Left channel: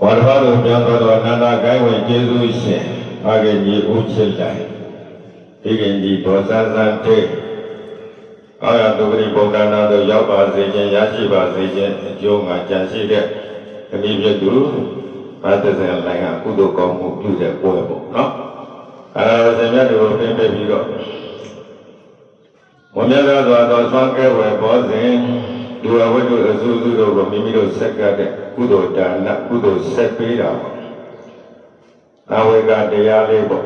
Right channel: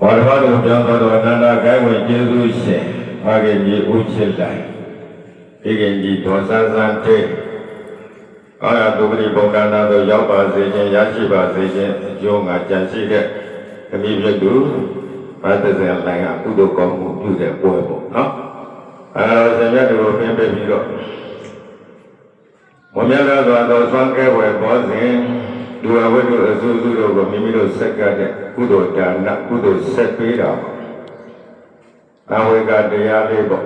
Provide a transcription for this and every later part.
ဘာလို့ပြောင်းသွားတော့အနန္တကိုင်းဝင်ကျေးဇူးရှင်အာဂင်ကြီးဦးချစ်လိုက်ဒီကင်ကြီးဒေါ်ဆန်းဆန်းတဲ့အာရတုပရိဗုဒ္ဓနာတို့ရောက်ပါစေခြင်းရရှိပါစေခြင်းအကျိုးငါကြံရှိတဲ့ခမည်းပြသူဘာသဇင်လိုင်းကကုသိုလ်ကောင်းမှုပြုတဲ့ပွဲပေါ့နော်ဆင်မြတ်တို့ပြင်ပြပြီးတော့ဘုရားကသောသောသောကဲဝယ်ပေါ်စဉ်ဒုရဝိတုအစုစုတို့ကိုမိမိတို့ဆက်ကတဲ့ကုသိုလ်ဒါနကုသိုလ်ဆက်ပေးတာသာဝေကတရားလေးပေါ့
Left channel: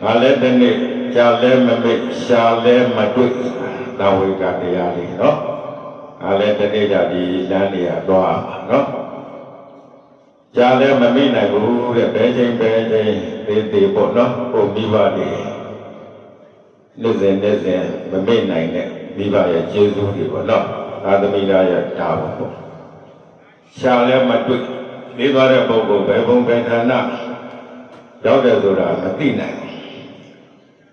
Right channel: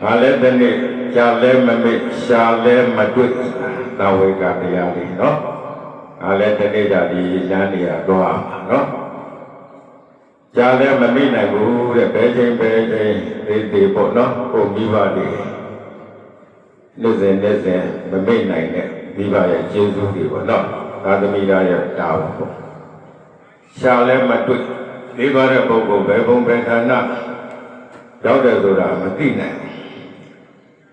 ဒါလည်းတနေ့ကြာလဲမမေ့ရှာလဲမတွေ့သာဝေကတရားလေးနော်ဒါလည်းတနေ့ကြာဒီလမ်းနေရတော့နော်ကြာလဲမမေ့နိုင်ဘူးတဲ့ဘယ်ချိန်သေးပေါ့နော်ဟိုမိဘတွေနေ့စဉ်မမေ့နိုင်တဲ့မိဘရဲ့ကျေးဇူးတွေပေါ့နော်သာသမီသားရဲ့တာဝန်ပေါ့ရှာလဲမတွေ့မိဘတဲ့ပုဂ္ဂိုလ်ဘယ်ဘုံဘယ်ဌာနရောက်တယ်ဆိုတာမသိနိုင်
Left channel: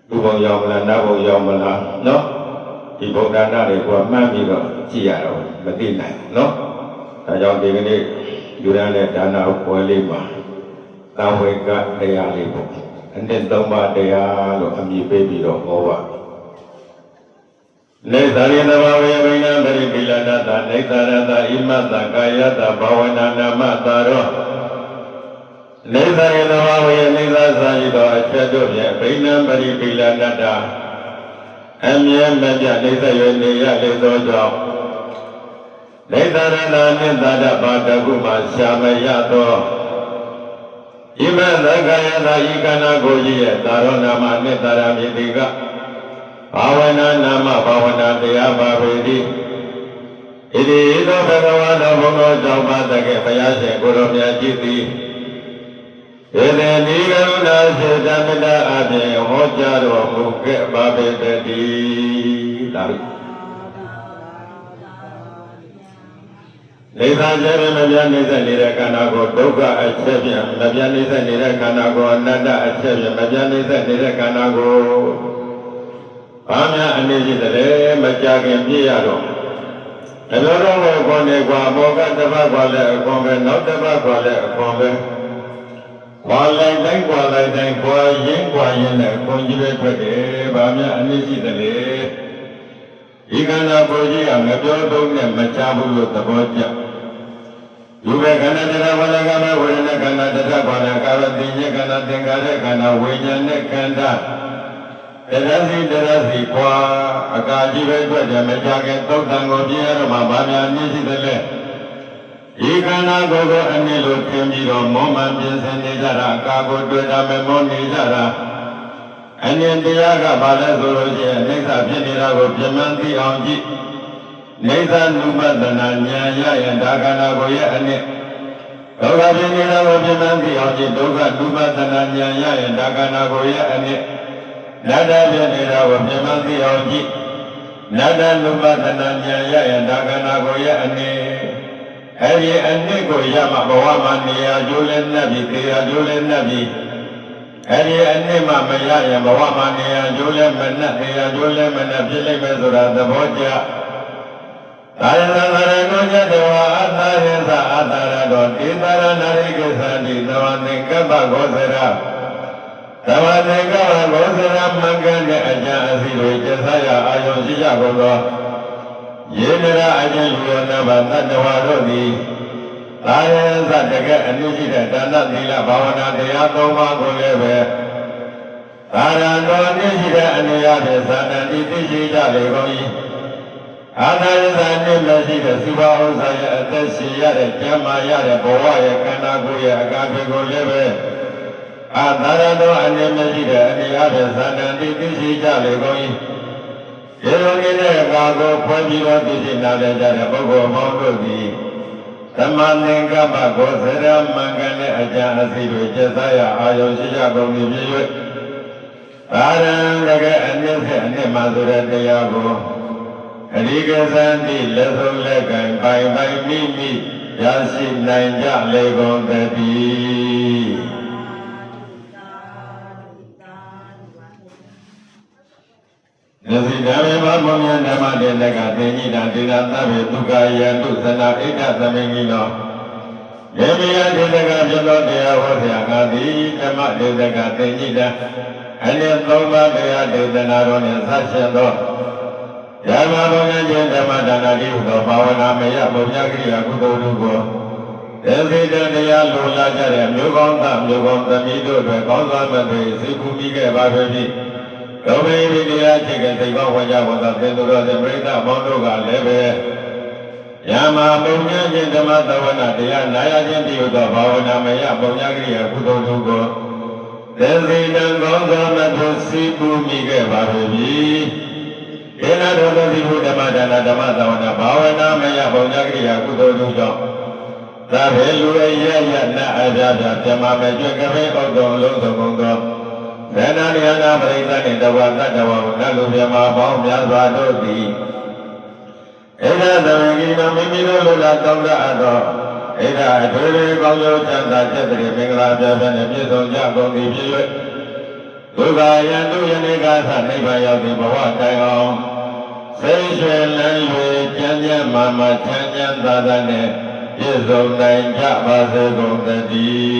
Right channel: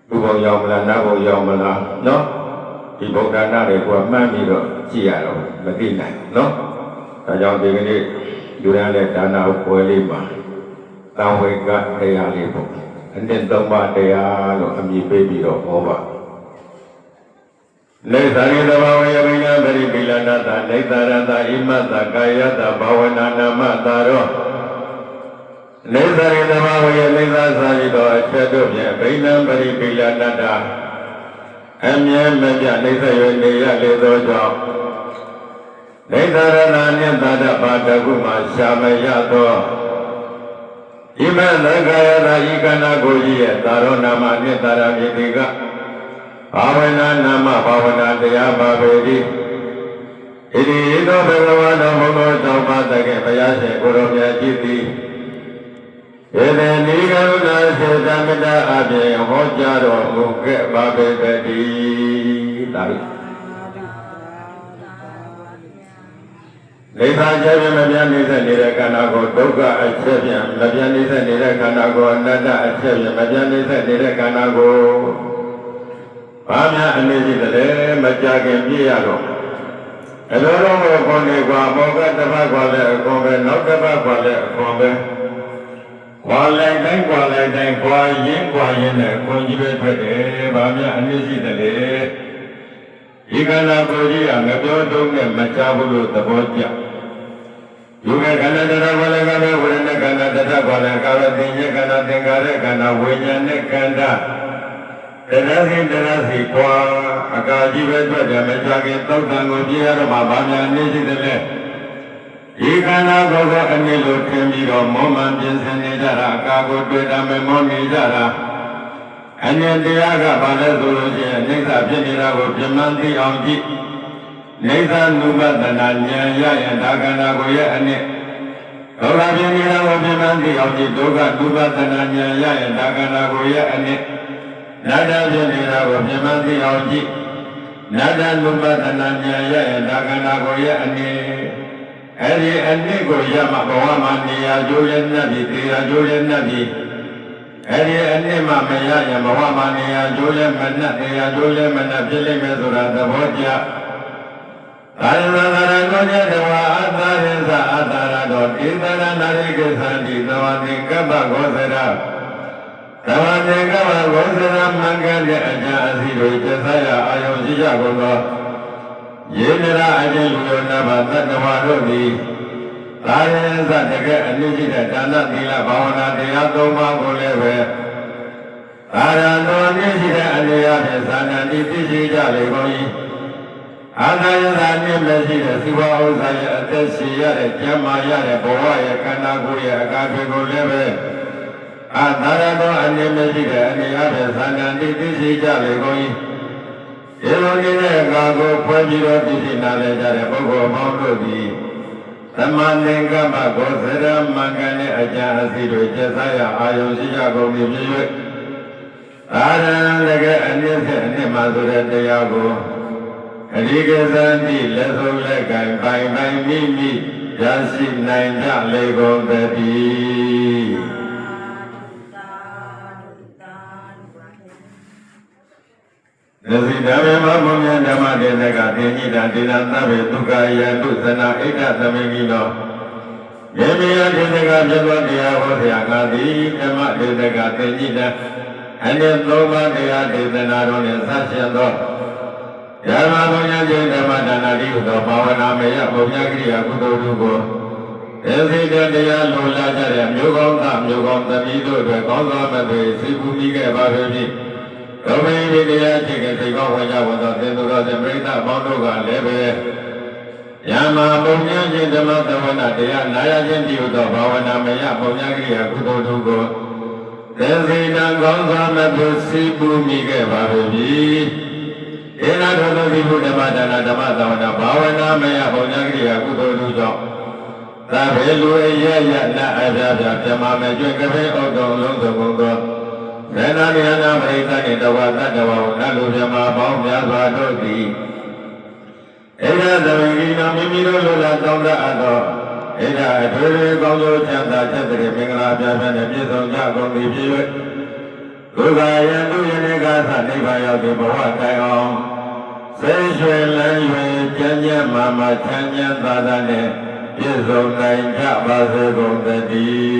ဘူးဘုံရောက်မလားနတ်ဘုံရောက်မလားနော်ဒီဗုဒ္ဓနာတွေကမှတ်ပြီးတော့ကြည့်ရတော့မသိနိုင်နော်ဒါကြောင့်ဒီကနေ့ယူရတဲ့ဒါနပွဲလေးမှာသာဝေကတရားလေးပေါ့အနှစ်သုံးပါးတရားလို့အမည်ပေးပြီးတော့ဟောပါလေသာရိတဘာဝေရိဏတရိပိလနာတနေသရတဣမတကာယတဘာဝနာနာမတာရောလေသာရိတဘာဝေနေသာစာရိတောအချက်တို့ဖြင့်ဗိဏံပရိပိလနာတအမြဲမပြနေသရွေနေရလေသောကြောင့်နေသရဏနှင့်သာတဘာတကုမှာရှာမရသောဣမသကာယတဤကနာကိုကြီးရဲ့သာရောနာမနှင့်သာရမြေတိကဘာဝနာနာမဘာဝနာတရားပါပေသည်ဣတိသောဘဂဝါတော်ဘုံတော်ကြောင့်ပါတကဲ့ဘုရားရှင်ကိုယ်တော်မြတ်ကြည်သည်ဧတေနိကရုဏာစေတမေတ္တာအပြင်ဟောကြားတော်မူခဲ့ပါပေတည်းဒါပဲနိဗ္ဗာန်ချက်ဖြင့်မပြတ်နေတဲ့ခန္ဓာကိုဒုက္ခအချက်ဖြင့်မပြတ်နေတဲ့ခန္ဓာကိုအနတ္တအချက်ဖြင့်မပြတ်နေတဲ့ခန္ဓာကိုဘာများအနေရှိတယ်မကြခင်ပြည့်ရတော့အလိုတော်ကိုခေါ်နေကွာဘောကတပတ်ခေါ်လဲအခွန်ပဲနောက်တပတ်ခေါ်လဲအခွန်ပဲခွာလိုက်တိုင်းခွာရင်းနဲ့ခွန်ကြီးပဲထွက်တယ်ဘာများအနေရှိတယ်ဒီခန္ဓာကိုယ်ကြီးကမပြောတုံးနဲ့မချဘူးလို့သဘောကျယူပဲခန္ဓာတရားဘာလကပဲဝေဒနာခန္ဓာတရားဘာလကာဝတိညခန္ဓာသင်္ခါရခန္ဓာဝိညာဉ်နဲ့ခန္ဓာတရားစီခွာအကာကြီးပဲထွက်တယ်မချခင်သုတ်တန်ကိုပြရတော့မှဗာများနေရှိတယ်လေဒီခန္ဓာကိုယ်ကအနည်းလို့ထင်ပြီးတော့မောမှန်ပြင်ဆင်နေကြတာအကာကိုတွေ့တာမမောနေကြတာအနည်းတရားကဘာလဲဆိုလို့ရှိရင်အိဋ္ဌဖြစ်နေတာကိုပြမှန်းသိအောင်ကြည့်အိဋ္ဌနုပဒနာဉာဏ်ရရင်ဒါခန္ဓာကိုယ်ရဲ့အနည်းဒုက္ခဖြစ်နေတာကိုပြမှန်းသိအောင်ကြည့်ဒုက္ခနုပဒနာဉာဏ်ရရင်ဒါခန္ဓာကိုယ်ရဲ့အနည်းနတ္တဖြစ်နေတာကိုပြမှန်းသိအောင်ကြည့်နတ္တနုပဒနာဉာဏ်ရရင်ဒါခန္ဓာကိုယ်ရဲ့အနည်းအဲ့ဒီအနည်းကိုရမှဘဝမှာနေရာကျိုးရဲ့နတ်ပြီးတရားကျိုးရဲ့နတ်ပြီးအဲ့ဒီအနည်းမှမရရင်ဘဝမှာနေရာကျိုးလည်းမနှက်တရားကျိုးလည်းမနှက်ဖြစ်လိမ့်မယ်ဆိုတာသဘောကျသာရဏနာရဏမြတ်တော်အသာရသအသာရတော်ဣသရဏရိကိသတိသဝနေကပ္ပဂောသရသဝနေကပ္ပဂောသရမင်္ဂတဲ့အကျအစီတို့ကျဆရာအာယုံရှိကြကုန်သောယေနရအကျဉ်လူရောနာဘသတ္တဝါတို့သည်သာရသတကယ်အနည်းရှိတဲ့ဒါနသီလဘာဝနာတရားသုံးပါးကိုလည်းပဲသာရတော်အနည်းရှိတဲ့အနေအချင်းသာဏတိသိရှိကြလေကုန်၏အာသာရသနှင့်မရှိတဲ့သုဘဥစ္စာရဲ့အသက်ရှင်ရတဲ့ကျမ်းမာရတဲ့ဘဝရဲ့ခန္ဓာကိုယ်ရဲ့အကားတွေကိုလည်းပဲအာသာရတော်အနည်းမရှိတဲ့အနေအချင်းသာဏတိသိရှိကြလေကုန်၏ဒီလိုနေတဲ့အခါကိုဖွင့်ပြီးတော့သိရှိလာကြတဲ့ပုဂ္ဂိုလ်ပေါင်းတို့သည်သမဏေကမ္မကောသရမင်္ဂတဲ့အကျအစီတို့ကျက်စားရအာယုံရှိကြကုန်ပြီဖြစ်၍အာရံတကယ်အနည်းဖြင့်အနည်းမှဆိုတဲ့တရားကိုအဓိကသံတိလက်ဆုံးလက်ကင်ပိုင်မိမိရရှိနိုင်ကြလေကုန်သတည်းသတိဓမ္မဘုံဉာဏ်ဓမ္မတေသကသင်္ကြိတာဒေသသဗ္ဗေဒုက္ခယတုသနာဣဒ္ဓသမေကိနော ယေမယဒေသကပြသောတရားဟောဆရာငါသည်ဓမ္မဒေသကသင်္ကြိတအနေသုံးပါးတရားဒေသနာတော်နှင့်ဆက်ရှင်သောဓမ္မဘုံဉာဏ်ဓမ္မဒါနတိဟုသောဘာဝနာမယဘုံဉာဏ်ကိရိယာကုသိုလ်တို့ကိုဒေဝိတတရားလိုလားကြတဲ့မျိုးကောင်းသားမျိုးကောင်းသမီးတို့တွေကောင်းစွာမဲ့တွေစိတ်ကူးမိခဲ့ပါပြီ။ဒုမေဒီတရားချိကစိတ်ကောင်းဝေကြသောသင်္သူတော်သင်္ပရိသဘောင်းတို့ကလည်းပဲယမဘုံဉာဏ်ဓမ္မသဝနာတရားနာရခြင်းပြုသောဘာဝနာမယဘုံဉာဏ်ကိရိယာကုသိုလ်တို့ကိုဒေဝိတကောင်းစွာမဲ့တွေစိတ်ကူးမိခဲ့ပါပြီ။ဧနာတော်တို့ဒီဘုဓမ္မဒါနဓမ္မသဝနာဘာဝနာမယဘုံဉာဏ်ကိရိယာကုသိုလ်တို့ကြောင့်သာဘေလူအရရနာအပြာပြပြမမေကျွကပိဩတော်လုံးစုံကုန်သောသေနာနိဟနာပရိသတ်နှင့်တဝတတဝဝနလူပြမပေါင်းများစွာတို့သည်ဣဒသဝေကိနောမိမိတို့လိုလားတောင်းတအပ်သောဣဒအထူးလေးကောင်းကျိုးချမ်းသာချက်တည်းမင်္ဂလာပြပြနှင့်ပြည့်စုံကြကုန်သည်ဖြစ်၍ဒုက္ခယံတုယနေကာသနိဗ္ဗာန်ရောက်သည့်ဘဝတိုင်အောင်စိတ်ရွှင်လန်း၍ကျမ်းကျမ်းမာမာချမ်းသာသာနှင့်ပြည့်စုံနိုင်ကြပါစေကုန်သတည်း